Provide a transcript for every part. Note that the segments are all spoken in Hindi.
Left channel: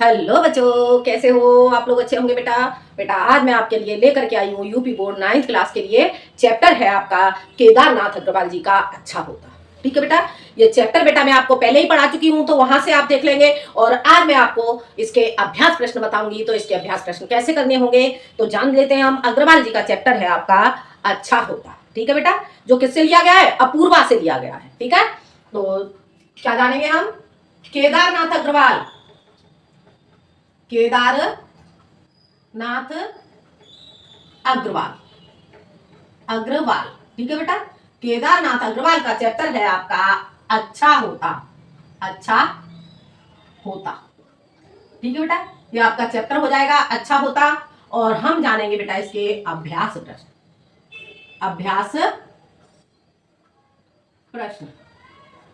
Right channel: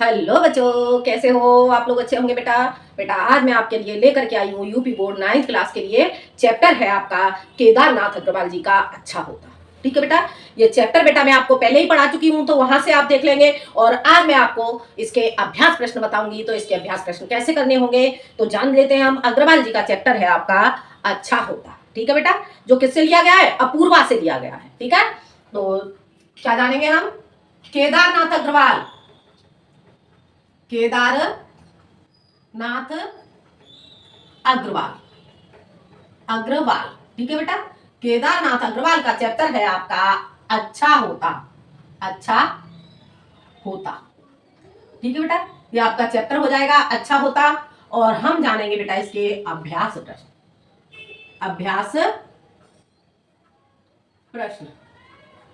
हेलो बच्चों, कैसे हो आप लोग? अच्छे होंगे बेटा। बेटा आज मैं आपके लिए लेकर के आई हूँ यूपी बोर्ड 9th क्लास के लिए। चैप्टर है आपका केदारनाथ अग्रवाल जी का अच्छा होता। ठीक है बेटा, ये चैप्टर बेटा मैं आपको पहले ही पढ़ा चुकी हूँ, तो वहां से आप देख लेंगे। और आज मैं आपको इसके अभ्यास प्रश्न बताऊंगी, तो इसके अभ्यास प्रश्न कैसे करने होंगे तो जान लेते हैं हम। अग्रवाल जी का चैप्टर है आपका अच्छा होता। ठीक है बेटा, जो किससे लिया गया है? अपूर्वा से लिया गया है। ठीक है, तो क्या जानेंगे हम? केदारनाथ अग्रवाल, केदारनाथ अग्रवाल, अग्रवाल। ठीक है बेटा, केदारनाथ अग्रवाल का चैप्टर है आपका अच्छा होता। अच्छा होता। ठीक है बेटा, ये आपका चैप्टर हो जाएगा अच्छा होता। और हम जानेंगे बेटा इसके अभ्यास प्रश्न। अभ्यास प्रश्न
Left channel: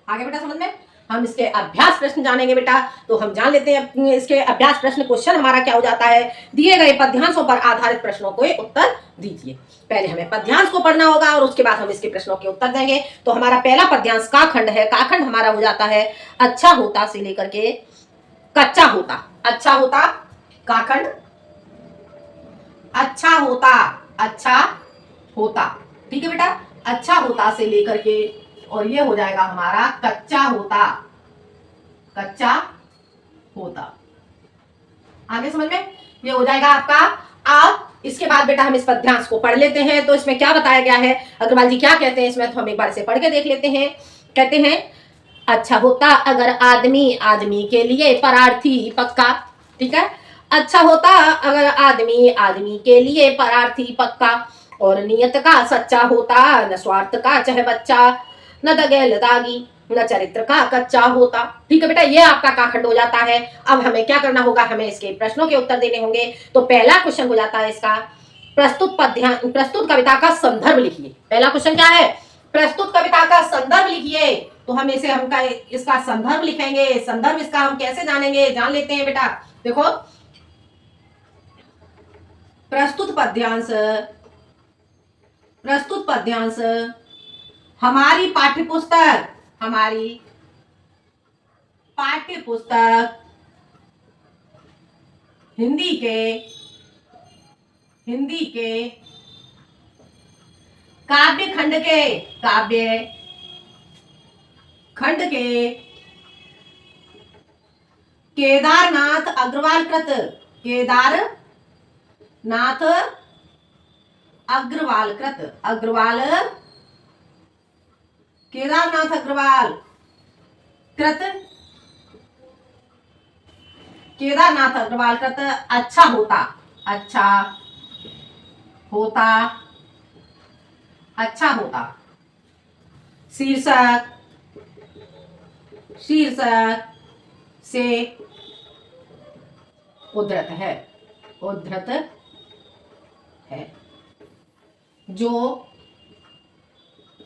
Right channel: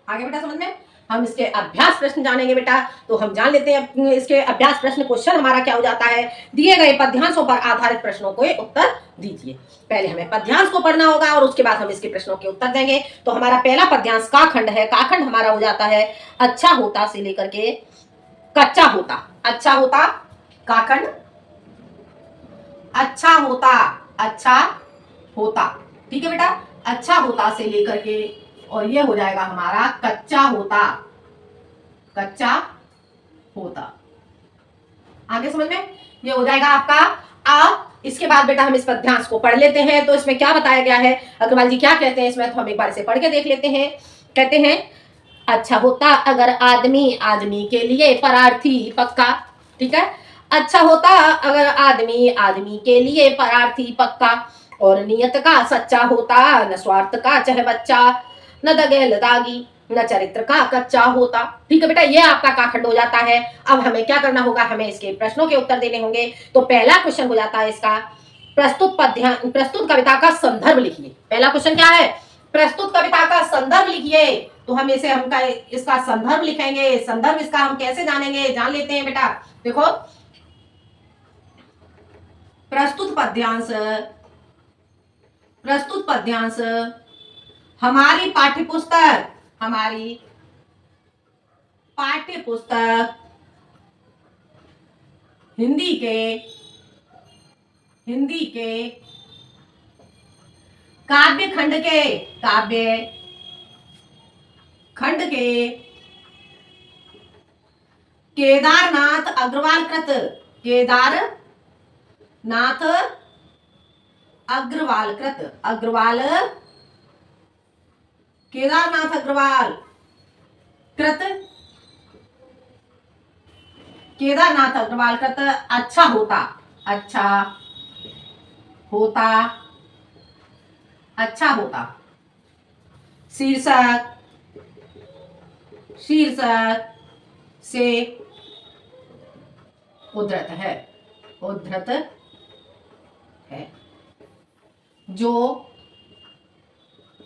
आगे बेटा समझ में। हम इसके अभ्यास प्रश्न जानेंगे बेटा, तो हम जान लेते हैं इसके अभ्यास प्रश्न। क्वेश्चन हमारा क्या हो जाता है? दिए गए पद्यांशों पर आधारित प्रश्नों को उत्तर दीजिए। पहले हमें पद्यांश को पढ़ना होगा और उसके बाद हम इसके प्रश्नों के उत्तर देंगे। तो हमारा पहला पद्यांश का खंड है। का खंड हमारा हो जाता है अच्छा होता से लेकर के कच्चा होता। अच्छा होता का खंड, अच्छा होता, अच्छा होता। ठीक है बेटा, अच्छा होता से लेकर के और ये हो जाएगा हमारा कच्चा होता। कच्चा होता आगे समझ में ये हो जाएगा आपका। अब इसके बाद बेटा हम इस पद्यांश को पढ़ लेते हैं। तो इसमें क्या बताया गया है, अग्रवाल जी क्या कहते हैं इसमें, तो हम एक बार इसे पढ़ के देख लेते हैं। कहते हैं अच्छा होता अगर आदमी आदमी के लिए परार्थी पक्का। ठीक है, अच्छा होता अगर आदमी आदमी के लिए परार्थी पक्का। और नियत का सच्चा होता न स्वार्थ का चाहे बच्चा। न दगेल दागी न चरित्र का कच्चा होता। ठीक है बेटा, ये आपका काखंड हो जाता है। अब हमें क्या करना होगा, हमें इसके प्रश्नों के उत्तर देने होंगे। तो पहला क्वेश्चन हो जाता है इसका प्रस्तुत कविता का संदर्भ लिखिए। पहला क्वेश्चन क्या है? प्रस्तुत कविता का संदर्भ लिखिए। तो हम इसे हमका इसका संदर्भ लिखेंगे। संदर्भ इसका हम कैसे जानेंगे, जान लेते हैं बेटा। देखो, प्रस्तुत पद्यांश, प्रस्तुत पद्यांश हमारी पाठ्यपुस्तक, हमारी पाठ्यपुस्तक हिंदी के, हिंदी के काव्य खंड के, काव्य खंड के केदारनाथ अग्रवाल कृत, केदारनाथ अग्रवाल कृत, अग्रवाल केदारनाथ अग्रवाल कृत, केदारनाथ अग्रवाल कृत अच्छा होता, अच्छा होता, अच्छा होता शीर्षक, शीर्षक से उद्धृत है, उद्धृत है। जो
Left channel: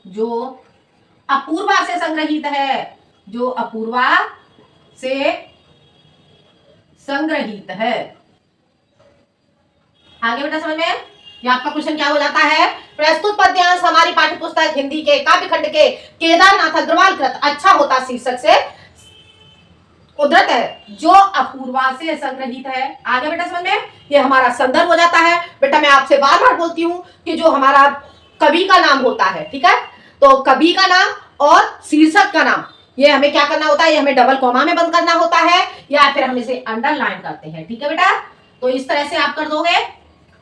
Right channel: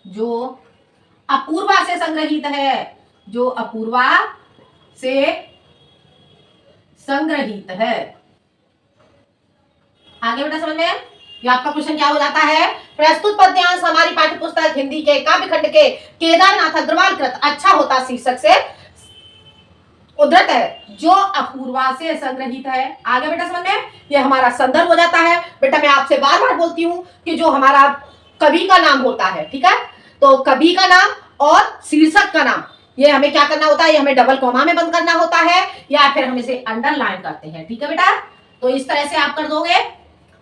जो अपूर्वा से संग्रहित है, जो अपूर्वा से संग्रहित है। आगे बेटा समझ में, ये आपका क्वेश्चन क्या हो जाता है? प्रस्तुत पद्यांश हमारी पाठ्यपुस्तक हिंदी के काव्य खंड के केदारनाथ अग्रवाल कृत अच्छा होता शीर्षक से उद्धृत है, जो अपूर्वा से संग्रहित है। आगे बेटा समझ में, ये हमारा संदर्भ हो जाता है। बेटा मैं आपसे बार बार बोलती हूँ कि जो हमारा कवि का नाम होता है, ठीक है, तो कवि का नाम और शीर्षक का नाम ये हमें क्या करना होता है, ये हमें डबल कॉमा में बंद करना होता है या फिर हम इसे अंडरलाइन करते हैं। ठीक है बेटा, तो इस तरह से आप कर दोगे।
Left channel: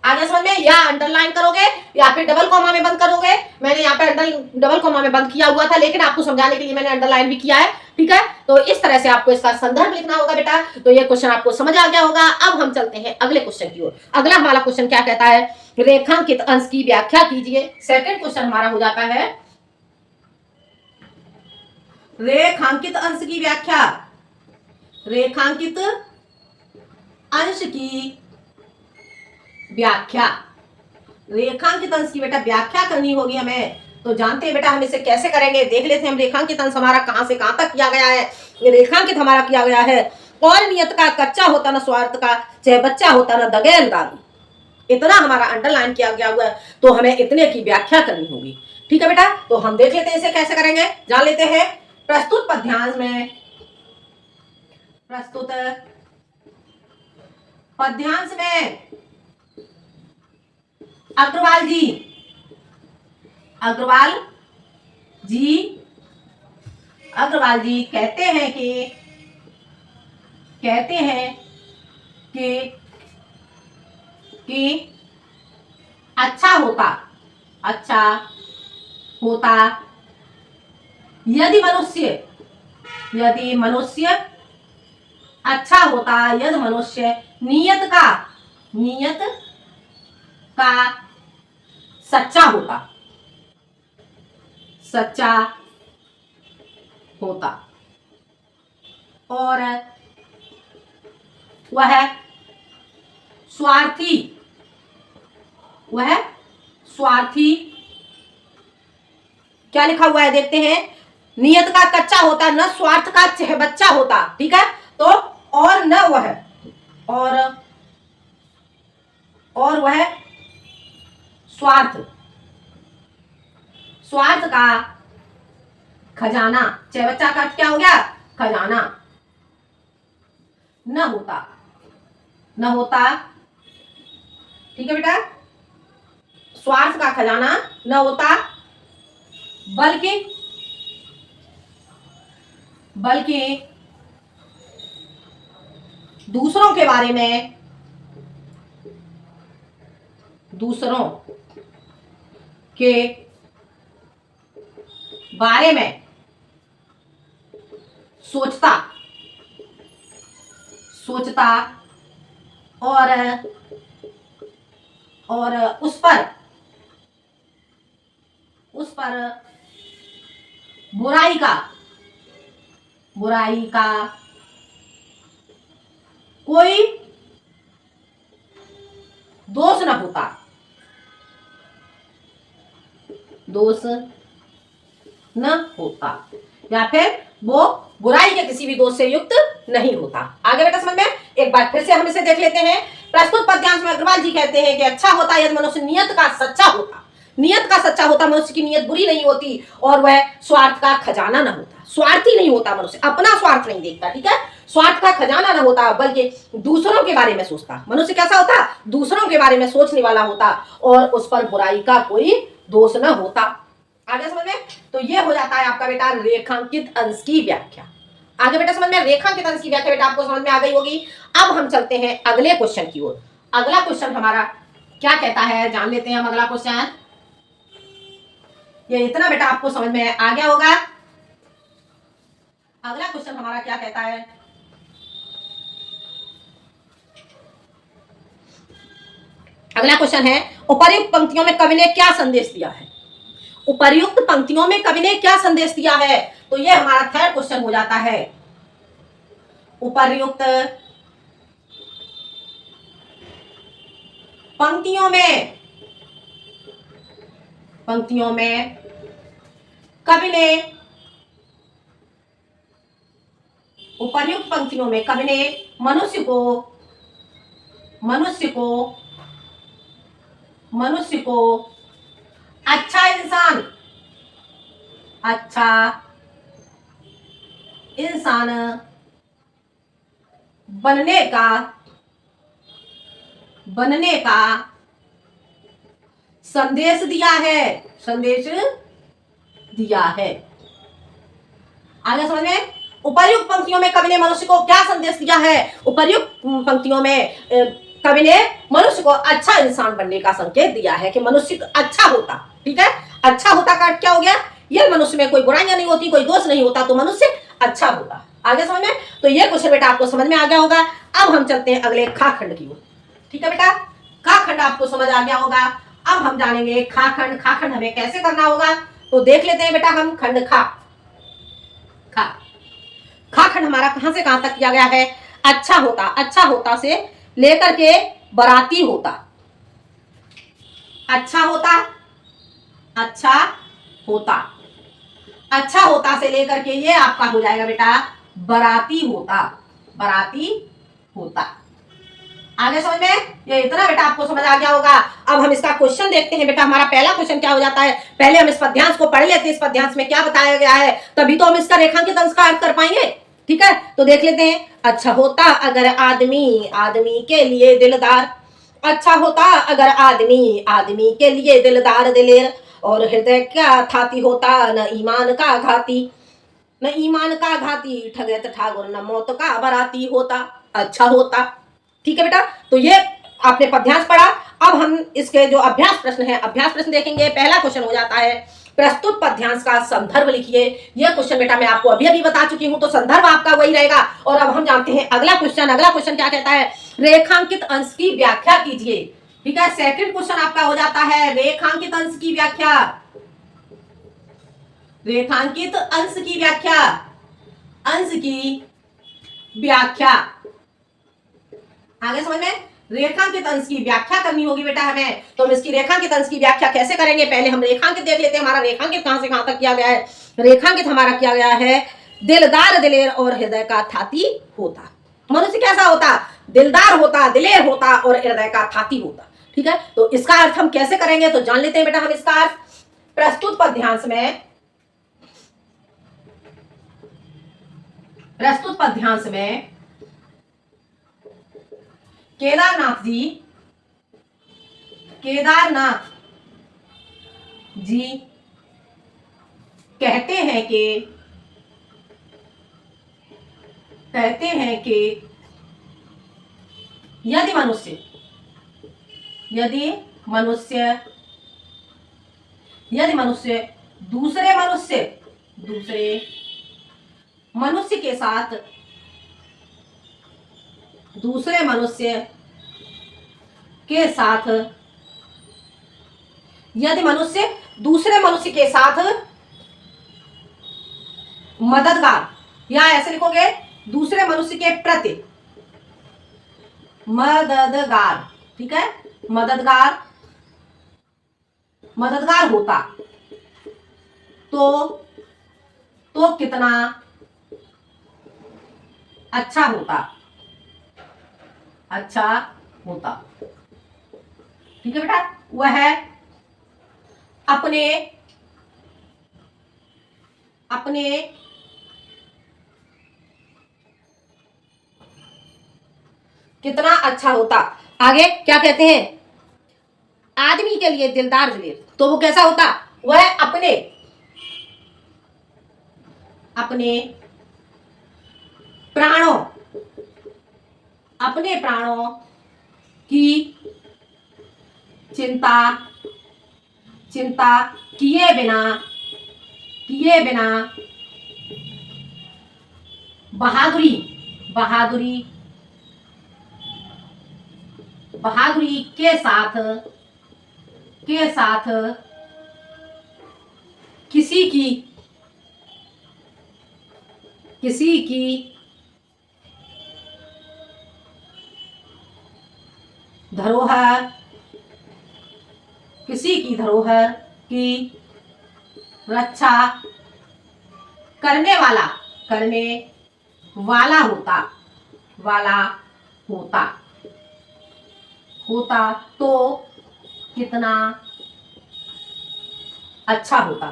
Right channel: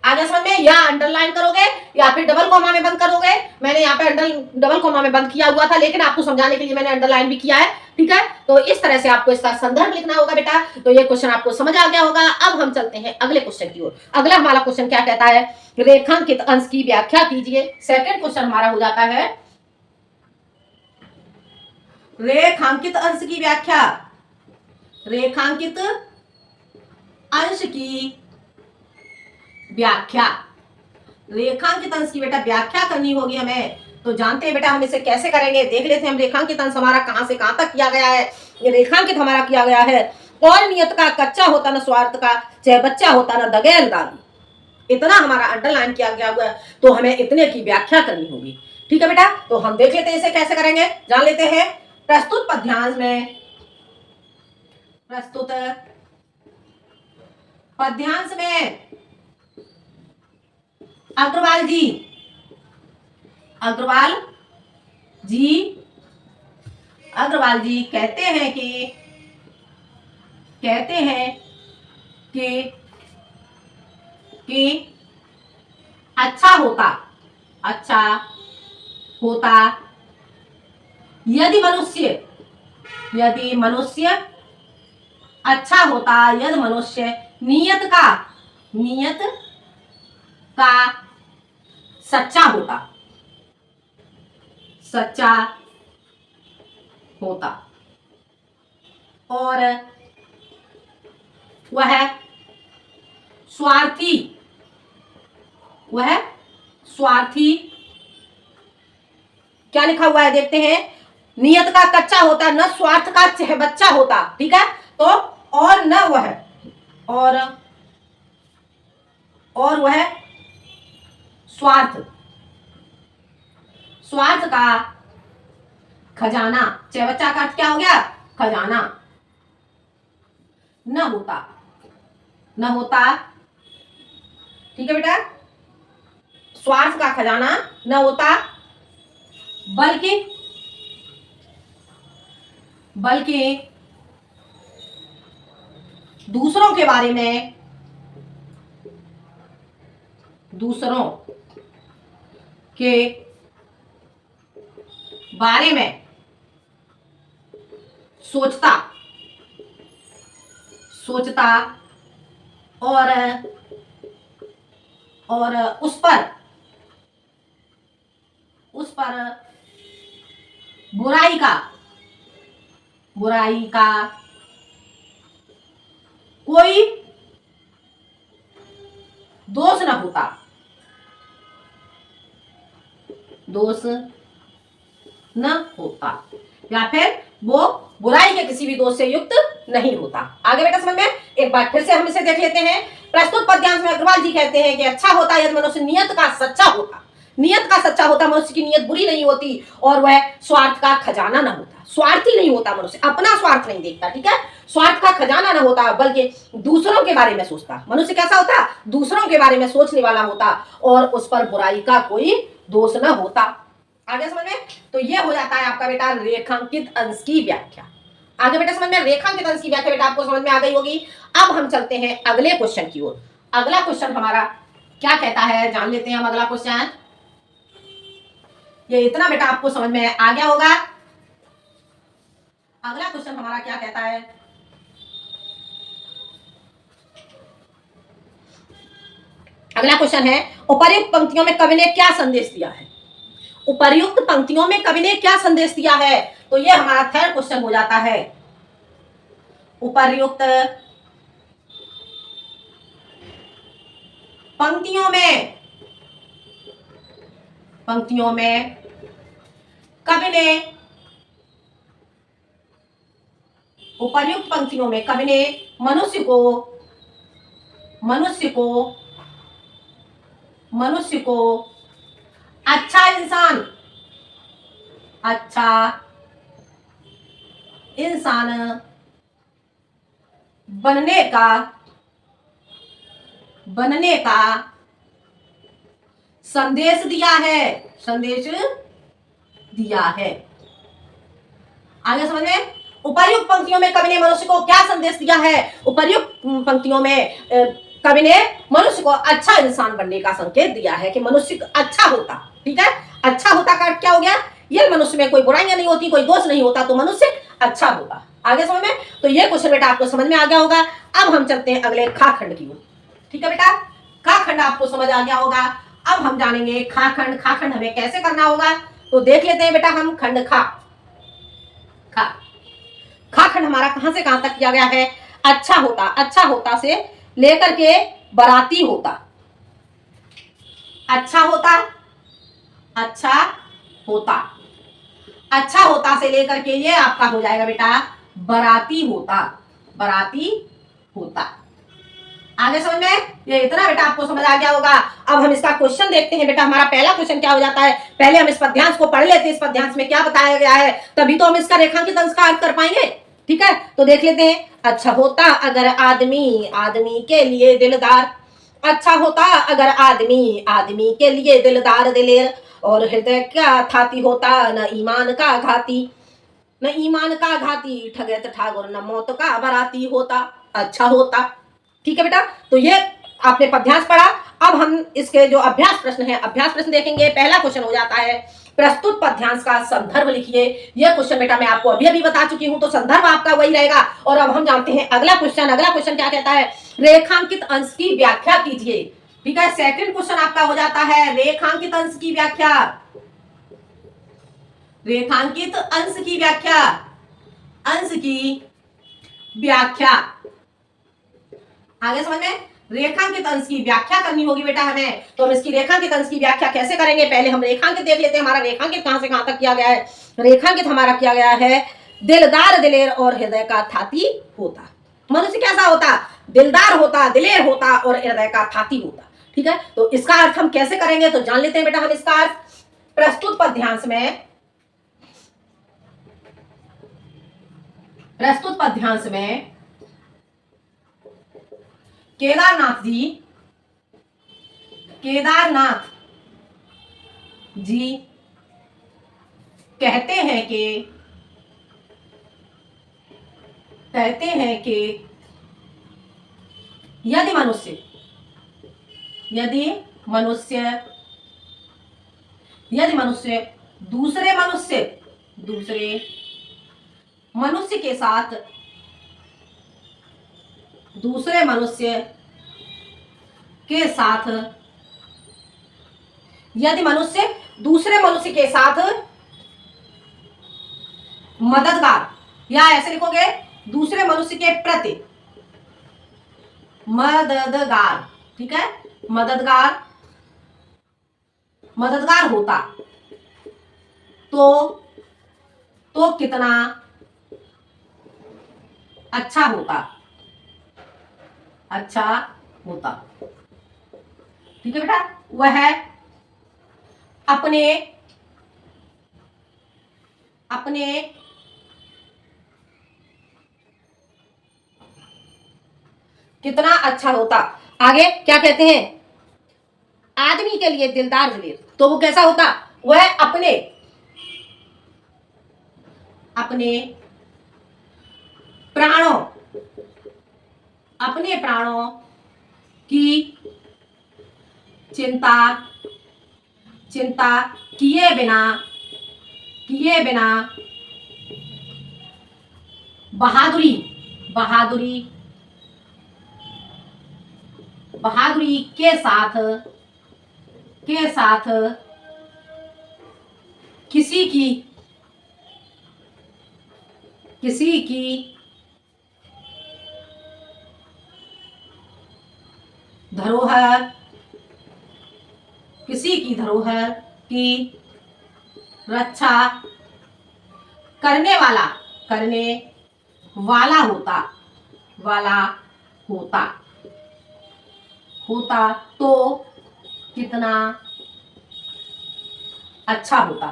आगे समझ में, या अंडरलाइन करोगे या फिर डबल कॉमा में बंद करोगे। मैंने यहाँ पे डबल कॉमा में बंद किया हुआ था, लेकिन आपको समझाने के लिए मैंने अंडरलाइन भी किया है। ठीक है, तो इस तरह से आपको इसका संदर्भ लिखना होगा बेटा। तो ये क्वेश्चन आपको समझ आ गया होगा। अब हम चलते हैं अगले क्वेश्चन की ओर। अगला हमारा क्वेश्चन क्या कहता है? रेखांकित अंश की व्याख्या कीजिए। सेकंड क्वेश्चन हमारा हो जाता है रेखांकित अंश की व्याख्या। रेखांकित अंश की व्याख्या, रेखांकित अंश की बेटा व्याख्या करनी होगी हमें। तो जानते हैं बेटा हम इसे कैसे करेंगे, देख लेते हैं हम। रेखांकित अंश हमारा कहां से कहां तक किया गया है। ये रेखांकित हमारा किया गया है, और नियत का कच्चा होता न स्वार्थ का चाहे बच्चा होता न दगेल दागी। इतना हमारा अंडरलाइन किया गया हुआ है, तो हमें इतने की व्याख्या करनी होगी। ठीक है बेटा, तो हम देख लेते हैं इसे कैसे करेंगे, जान लेते हैं। प्रस्तुत पद्यांश में, प्रस्तुत पद्यांश में अग्रवाल जी, अग्रवाल जी, अग्रवाल जी कहते हैं कि अच्छा होता, अच्छा होता यदि मनुष्य अच्छा होता, यदि मनुष्य नियत का सच्चा होता और वह स्वार्थी क्या लिखा हुआ है देखते हैं, नियत का कच्चा होता, न स्वार्थ का बच्चा होता, ठीक है। तो और न वह और वह स्वार्थ का खजाना, चाहे बच्चा का क्या हो गया, खजाना न होता, ठीक है बेटा, स्वार्थ का खजाना न होता, बल्कि दूसरों के बारे में सोचता और उस पर बुराई का कोई दोष न होता, या फिर वो बुराई के किसी भी दोष से युक्त नहीं होता। आगे बेटा समझ में, एक बार फिर से हम इसे देख लेते हैं। प्रस्तुत पद्यांश में अग्रवाल जी कहते हैं कि अच्छा होता यदि मनुष्य नियत का सच्चा होता, मनुष्य की नियत बुरी नहीं होती और वह स्वार्थ का खजाना न होता, स्वार्थी नहीं होता, मनुष्य अपना स्वार्थ नहीं देखता, ठीक है, स्वार्थ का खजाना न होता, बल्कि दूसरों के बारे में सोचता। मनुष्य कैसा होता, दूसरों के बारे में सोचने वाला होता और उस पर बुराई का कोई दोष न होता। आगे समझ में, तो ये हो जाता है आपका बेटा रेखांकित अंश की व्याख्या। आगे बेटा समझ में, रेखांकित अंश की व्याख्या बेटा आपको समझ में आ गई होगी। अब हम चलते हैं अगले क्वेश्चन की ओर। अगला क्वेश्चन हमारा क्या कहता है, जान लेते हैं हम अगला क्वेश्चन। ये इतना बेटा आपको समझ में आ गया होगा। अगला क्वेश्चन हमारा क्या कहता है, अगला क्वेश्चन है उपर्युक्त पंक्तियों में कवि ने क्या संदेश दिया है। उपर्युक्त पंक्तियों में कवि ने क्या संदेश दिया है, तो ये हमारा थर्ड क्वेश्चन हो जाता है। उपर्युक्त पंक्तियों में कवि ने, उपर्युक्त पंक्तियों में कवि ने मनुष्य को अच्छा इंसान बनने का संदेश दिया है। आगे समझ में, उपर्युक्त पंक्तियों में कवि ने मनुष्य को क्या संदेश दिया है। उपर्युक्त पंक्तियों में कवि ने मनुष्य को अच्छा इंसान बनने का संकेत दिया है कि मनुष्य अच्छा होता, ठीक है, अच्छा होता का अर्थ क्या हो गया, ये मनुष्य में कोई बुराइयां नहीं होती, कोई दोष नहीं होता, तो मनुष्य अच्छा होता। आगे समझ में, तो ये क्वेश्चन बेटा आपको समझ में आ गया होगा। अब हम चलते हैं अगले खा खंड की ओर, ठीक है बेटा, खा खंड आपको समझ आ गया होगा। अब हम जानेंगे खा खंड हमें कैसे करना होगा, तो देख लेते हैं बेटा हम खंड खा खंड हमारा कहां से कहां तक किया गया है। अच्छा होता से लेकर के बराती होता, अच्छा होता से लेकर के ये आपका हो जाएगा बेटा बराती होता। आगे समझ में, ये इतना बेटा आपको समझ आ गया होगा। अब हम इसका क्वेश्चन देखते हैं बेटा। हमारा पहला क्वेश्चन क्या हो जाता है, पहले हम इस पद्यांश को पढ़ लेते हैं, इस पद्यांश में क्या बताया गया है, तभी तो हम इसका रेखांकित अंश का अर्थ कर पाएंगे, ठीक है, तो देख लेते हैं। अच्छा होता अगर आदमी आदमी के लिए दिलदार, अच्छा होता अगर आदमी आदमी के लिए दिलदार दिलेर, और हृदय का थाती होता न ईमान का घाती, न ईमान का घाती ठगत ठाकुर न मौत का बराती होता, अच्छा होता। ठीक है बेटा, तो ये आपने पद्यांश पढ़ा। अब हम इसके जो अभ्यास प्रश्न है, अभ्यास प्रश्न देखेंगे। पहला क्वेश्चन हो जाता है, प्रस्तुत पद्यांश का संदर्भ लिखिए। यह क्वेश्चन बेटा मैं आपको अभी अभी बता चुकी हूं, तो संदर्भ आपका वही रहेगा। और अब हम जानते हैं अगला क्वेश्चन। अगला क्वेश्चन क्या कहता है, रेखांकित अंश की व्याख्या कीजिए। ठीक है, सेकंड क्वेश्चन आपका हो जाता है रेखांकित अंश की व्याख्या। रेखांकित अंश की व्याख्या, अंश की व्याख्या, आगे समझ में। रेखांकित अंश की व्याख्या करनी होगी बेटा हमें, तो हम इसकी रेखांकित अंश की व्याख्या कैसे करेंगे, पहले हम रेखांकित देख लेते हैं। हमारा रेखांकित कहां से कहां तक किया गया है। रेखांकित हमारा किया गया है, दिलदार दिलेर और हृदय का थाती होता। मनुष्य कैसा होता, दिलदार होता, दिलेर होता और हृदय का थाती होता। ठीक है, तो इसका अर्थ हम कैसे करेंगे, तो जान लेते हैं बेटा हम इसका अर्थ। प्रस्तुत पद्यांश में, प्रस्तुत पद्यांश में केदारनाथ जी, केदारनाथ जी कहते हैं कि यदि मनुष्य दूसरे मनुष्य के साथ, दूसरे मनुष्य के साथ, यदि मनुष्य दूसरे मनुष्य के साथ मददगार, या ऐसे लिखोगे दूसरे मनुष्य के प्रति मददगार, ठीक है, मददगार होता तो कितना अच्छा होता, अच्छा होता। ठीक है बेटा, वह अपने कितना अच्छा होता। आगे क्या कहते हैं, आदमी के लिए दिलदार दिलेर, तो वो कैसा होता, वह अपने प्राणों की चिंता किए बिना बहादुरी के साथ किसी की धरोहर की रक्षा करने वाला होता तो कितना अच्छा होता।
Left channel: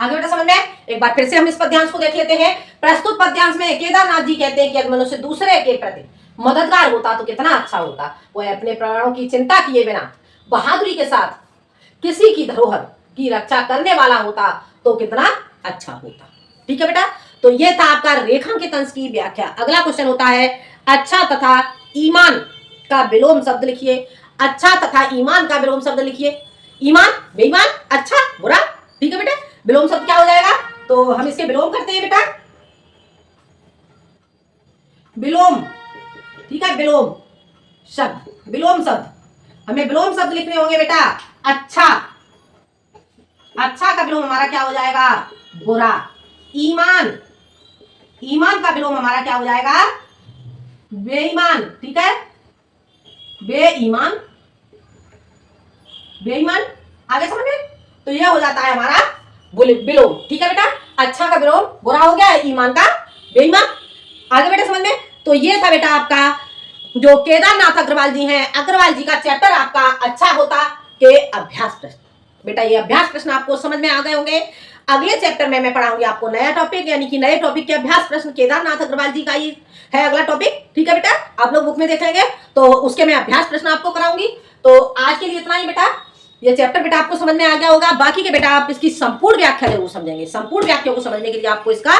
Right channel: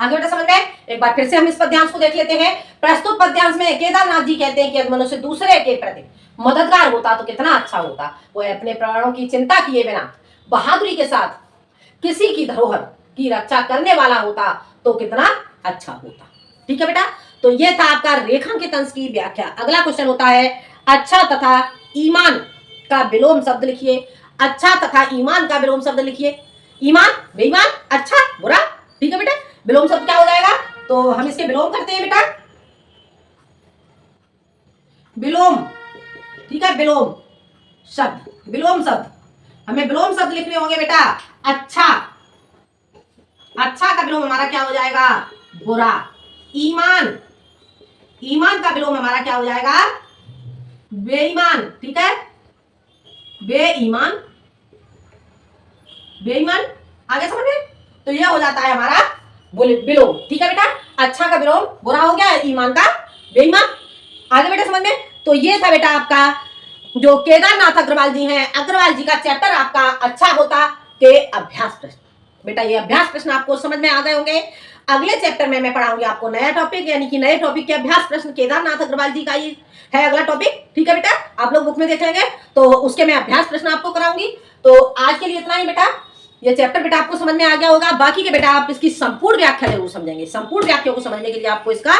आगे बेटा समझ में, एक बार फिर से हम इस पद्यांश को देख लेते हैं। प्रस्तुत पद्यांश में केदारनाथ जी कहते हैं कि अगर मनुष्य दूसरे के प्रति मददगार होता तो कितना अच्छा होता, वह अपने प्राणों की चिंता किए बिना बहादुरी के साथ किसी की धरोहर की रक्षा करने वाला होता तो कितना अच्छा होता। ठीक है बेटा, तो यह था आपका रेखांकित अंश की व्याख्या। अगला क्वेश्चन होता है, अच्छा तथा ईमान का विलोम शब्द लिखिए। अच्छा तथा ईमान का विलोम शब्द लिखिए। ईमान, बेईमान, अच्छा, बुरा। ठीक है बेटा, विलोम शब्द क्या हो जाएगा, तो हम इसके विलोम करते हैं बेटा, विलोम। ठीक है, विलोम शब्द हमें विलोम शब्द लिखने होंगे बेटा। अच्छा का विलोम हमारा क्या हो जाएगा, बुरा। ईमान का विलोम हमारा क्या हो जाएगा, बेईमान। ठीक है, बेईमान। आगे समझ में, तो यह हो जाता है हमारा विलोम। ठीक है बेटा, अच्छा का विलोम बुरा हो गया, ईमान का बेईमान। आगे बेटा समझ में, तो ये था बेटा आपका जो केदारनाथ अग्रवाल जी हैं, अग्रवाल जी का चैप्टर आपका अच्छा होता के अभ्यास प्रश्न। बेटा ये अभ्यास प्रश्न आपको समझ में आ गए होंगे। अगले चैप्टर में मैं पढ़ाऊंगी आपको नया टॉपिक, यानी कि नए टॉपिक के अभ्यास प्रश्न केदारनाथ अग्रवाल जी का ही है अगला टॉपिक। ठीक है बेटा, आप लोग बुक में देखेंगे तो उसके मैं अभ्यास प्रश्न आपको कराऊंगी। तो आज के लिए इतना ही बेटा। ये चैप्टर बेटा आपको समझ में आ गया होगा। बाकी के बेटा आप इसकी संपूर्ण व्याख्या जरूर समझेंगे। संपूर्ण व्याख्या को समझने के लिए आपको इसका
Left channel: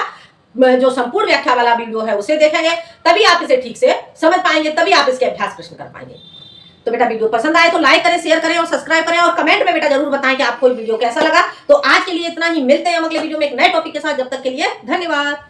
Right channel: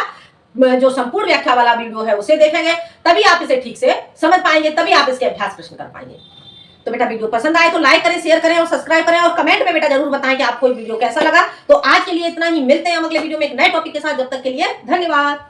जो संपूर्ण व्याख्या वाला वीडियो है उसे देखेंगे, तभी आप इसे ठीक से समझ पाएंगे, तभी आप इसके अभ्यास प्रश्न कर पाएंगे। तो बेटा वीडियो पसंद आए तो लाइक करें, शेयर करें और सब्सक्राइब करें, और कमेंट में बेटा जरूर बताएं कि आपको वीडियो कैसा लगा। तो आज के लिए इतना ही, मिलते हैं हम अगले वीडियो में एक नए टॉपिक के साथ। जब तक के लिए धन्यवाद।